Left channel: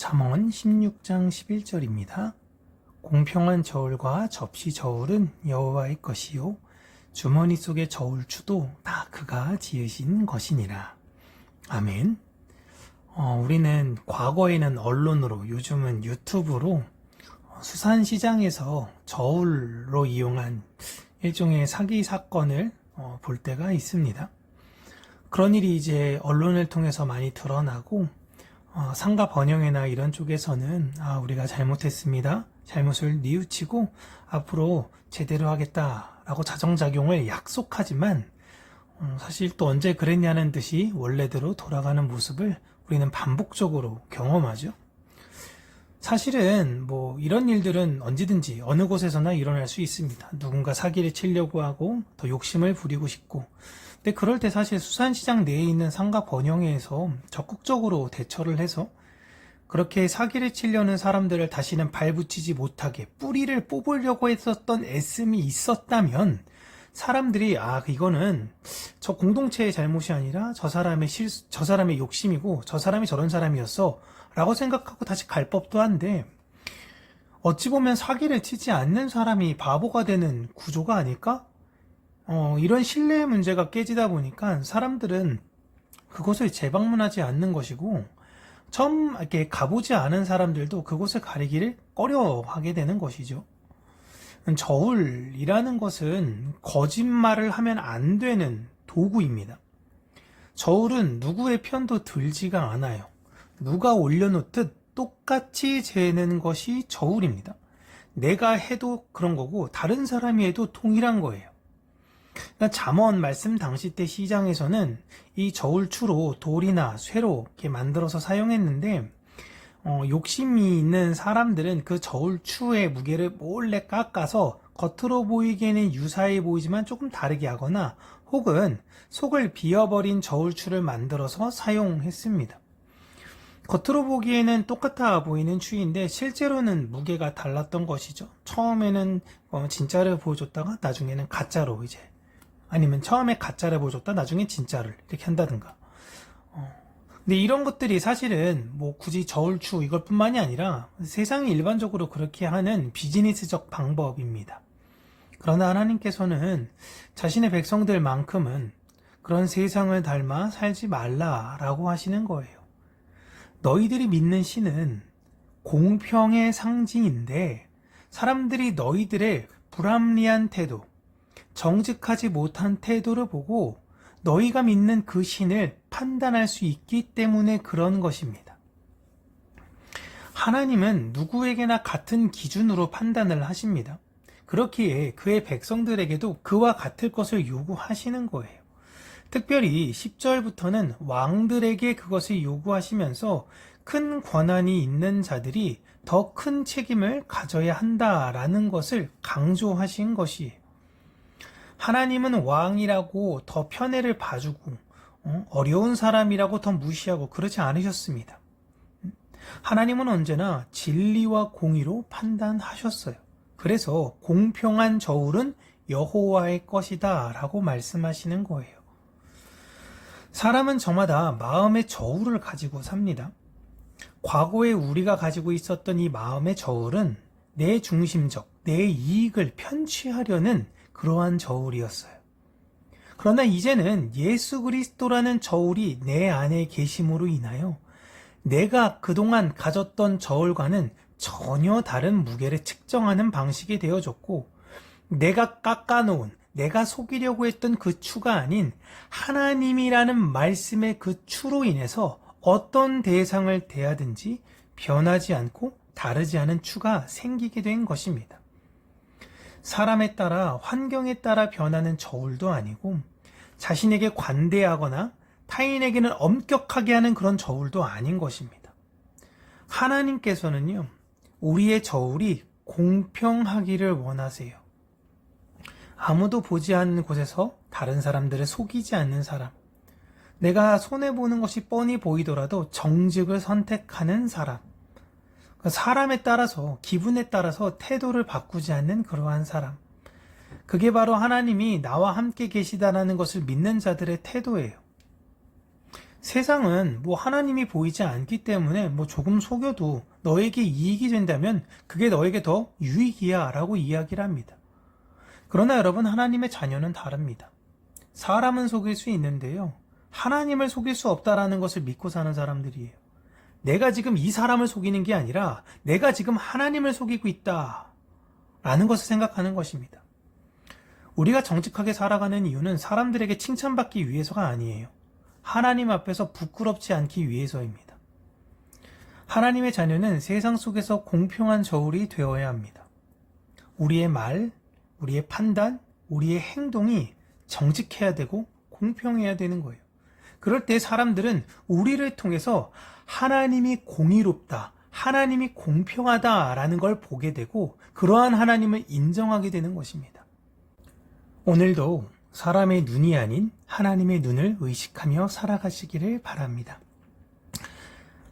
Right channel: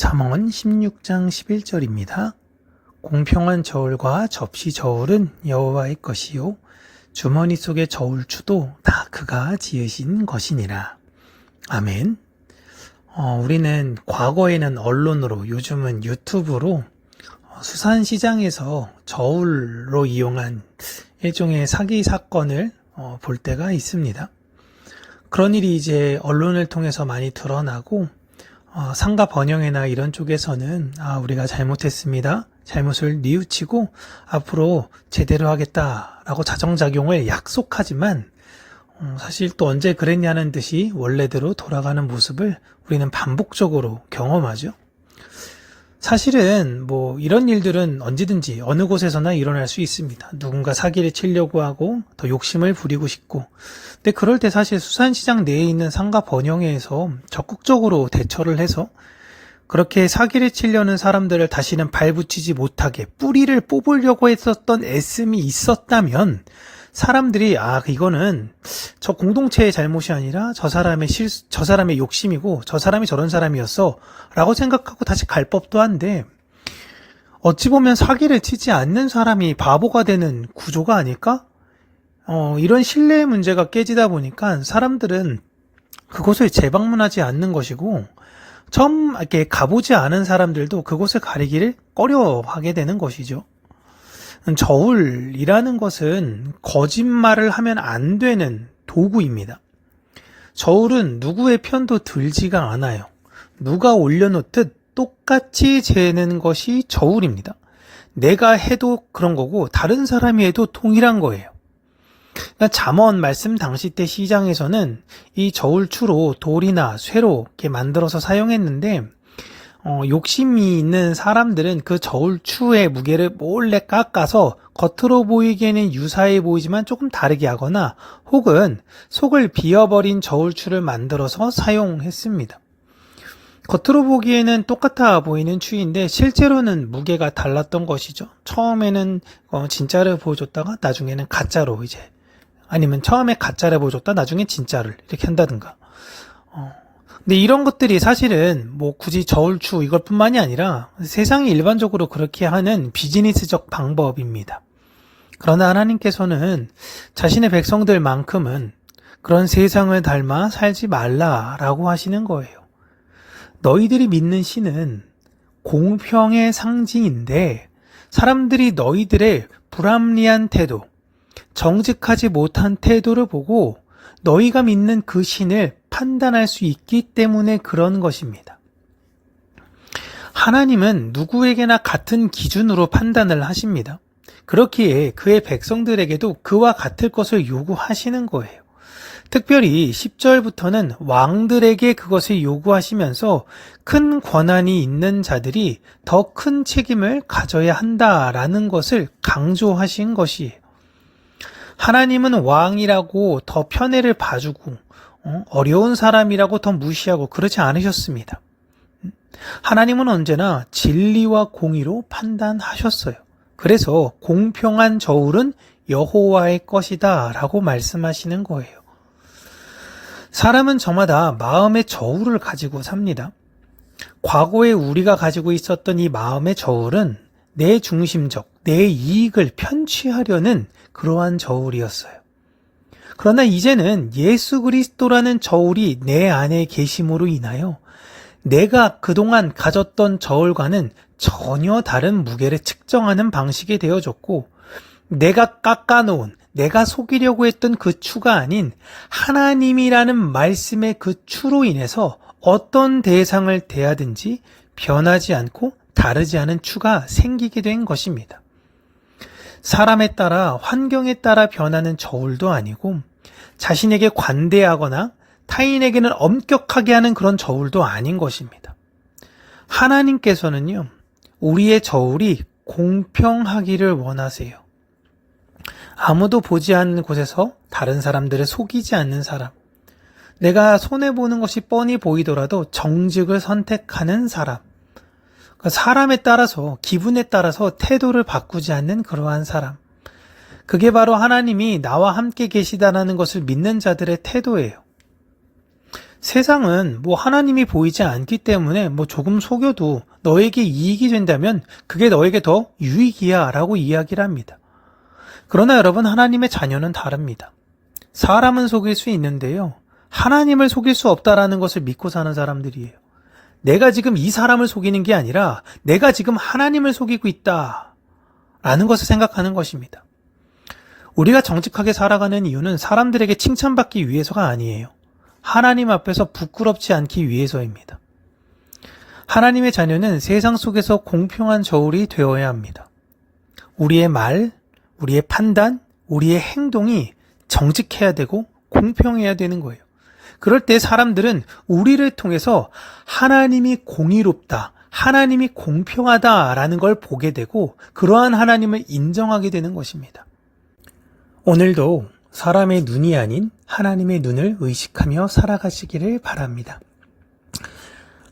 잠언 16장 11절입니다. 공평한 저울과 접시 저울은 여호와의 것이요 주머니 속의 저울추도 다 그가 지으신 것이니라. 아멘. 우리는 과거에는 언론으로, 요즘은 유튜브로 수산시장에서 저울로 이용한 일종의 사기 사건을 볼 때가 있습니다. 그런 일이 이제 언론을 통해서 많이 드러나고 상가 번영회나 이런 쪽에서는 우리가 잘못했습니다. 잘못을 뉘우치고 앞으로 제대로 하겠다라고 자정작용을 약속하지만 사실 또 언제 그랬냐는 듯이 원래대로 돌아가는 모습을 우리는 반복적으로 경험하죠. 사실은 이런 일들은 언제든지 어느 곳에서나 일어날 수 있습니다. 누군가 사기를 치려고 하고 더 욕심을 부리고 싶고, 근데 그럴 때 사실 수산시장 내에 있는 상가 번영회에서 적극적으로 대처를 해서 그렇게 사기를 치려는 사람들을 다시는 발붙이지 못하게 뿌리를 뽑으려고 했었던 애씀이 있었다면 사람들이 이거는 저 공동체의 잘못이 아니라 저 사람의 욕심이고 저 사람이 저런 사람이었어 라고 생각하고 다시 갈 법도 한데, 어찌 보면 사기를 치지 않는 사람이 바보가 되는 구조가 아닐까? 이런 신뢰의 문제가 깨지다 보니까 사람들은 그곳을 재방문하지 않는 것이고, 처음 이렇게 가보지 않은 사람들도 그곳을 가리기를 꺼려하게 되는 것이죠. 저울이라는 것은 거짓말을 하면 안 되는 도구입니다. 저울은 누구의 편도 들지가 않아요. 누가 올려놓듯 똑같이 재는 것이 저울입니다. 내가 해도 그런 거고 다른 사람이 해도 동일한 거예요. 그러니까 잠언 말씀 당시 때 시장에서는 이 저울추로 돌이나 쇠로 이렇게 만들어서 사용했는데, 욕심이 있는 사람들은 그 저울추의 무게를 몰래 깎아서 겉으로 보이기에는 유사해 보이지만 조금 다르게 하거나, 혹은 속을 비어버린 저울추를 만들어서 사용했습니다. 겉으로 보기에는 똑같아 보이는 추인데 실제로는 무게가 달랐던 것이죠. 처음에는 진짜를 보여줬다가 나중에는 가짜로 아니면 처음에 가짜를 보여줬다 나중에 진짜를 이렇게 한다든가. 근데 이런 것들이 사실은 굳이 저울추 이것 뿐만이 아니라 세상이 일반적으로 그렇게 하는 비즈니스적 방법입니다. 그러나 하나님께서는 자신의 백성들만큼은 그런 세상을 닮아 살지 말라라고 하시는 거예요. 너희들이 믿는 신은 공평의 상징인데 사람들이 너희들의 불합리한 태도, 정직하지 못한 태도를 보고 너희가 믿는 그 신을 판단할 수 있기 때문에 그런 것입니다. 하나님은 누구에게나 같은 기준으로 판단을 하십니다. 그렇기에 그의 백성들에게도 그와 같을 것을 요구하시는 거예요. 특별히 10절부터는 왕들에게 그것을 요구하시면서 큰 권한이 있는 자들이 더 큰 책임을 가져야 한다라는 것을 강조하신 것이에요. 하나님은 왕이라고 더 편애를 봐주고 어려운 사람이라고 더 무시하고 그러지 않으셨습니다. 하나님은 언제나 진리와 공의로 판단하셨어요. 그래서 공평한 저울은 여호와의 것이다 라고 말씀하시는 거예요. 사람은 저마다 마음의 저울을 가지고 삽니다. 과거에 우리가 가지고 있었던 이 마음의 저울은 내 중심적, 내 이익을 편취하려는 그러한 저울이었어요. 그러나 이제는 예수 그리스도라는 저울이 내 안에 계심으로 인하여 내가 그동안 가졌던 저울과는 전혀 다른 무게를 측정하는 방식이 되어졌고, 내가 깎아놓은, 내가 속이려고 했던 그 추가 아닌 하나님이라는 말씀의 그 추로 인해서 어떤 대상을 대하든지 변하지 않고 다르지 않은 추가 생기게 된 것입니다. 사람에 따라 환경에 따라 변하는 저울도 아니고 자신에게 관대하거나 타인에게는 엄격하게 하는 그런 저울도 아닌 것입니다. 하나님께서는요, 우리의 저울이 공평하기를 원하세요. 아무도 보지 않는 곳에서 다른 사람들을 속이지 않는 사람, 내가 손해보는 것이 뻔히 보이더라도 정직을 선택하는 사람, 사람에 따라서, 기분에 따라서 태도를 바꾸지 않는 그러한 사람, 그게 바로 하나님이 나와 함께 계시다라는 것을 믿는 자들의 태도예요. 세상은 하나님이 보이지 않기 때문에 조금 속여도 너에게 이익이 된다면 그게 너에게 더 유익이야 라고 이야기를 합니다. 그러나 여러분, 하나님의 자녀는 다릅니다. 사람은 속일 수 있는데요. 하나님을 속일 수 없다라는 것을 믿고 사는 사람들이에요. 내가 지금 이 사람을 속이는 게 아니라 내가 지금 하나님을 속이고 있다 라는 것을 생각하는 것입니다. 우리가 정직하게 살아가는 이유는 사람들에게 칭찬받기 위해서가 아니에요. 하나님 앞에서 부끄럽지 않기 위해서입니다. 하나님의 자녀는 세상 속에서 공평한 저울이 되어야 합니다. 우리의 말, 우리의 판단, 우리의 행동이 정직해야 되고 공평해야 되는 거예요. 그럴 때 사람들은 우리를 통해서 하나님이 공의롭다, 하나님이 공평하다라는 걸 보게 되고 그러한 하나님을 인정하게 되는 것입니다. 오늘도 사람의 눈이 아닌 하나님의 눈을 의식하며 살아가시기를 바랍니다.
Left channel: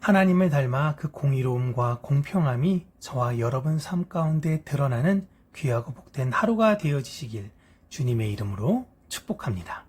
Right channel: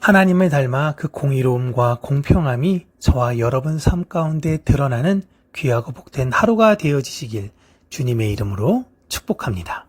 하나님을 닮아 그 공의로움과 공평함이 저와 여러분 삶 가운데 드러나는 귀하고 복된 하루가 되어지시길 주님의 이름으로 축복합니다.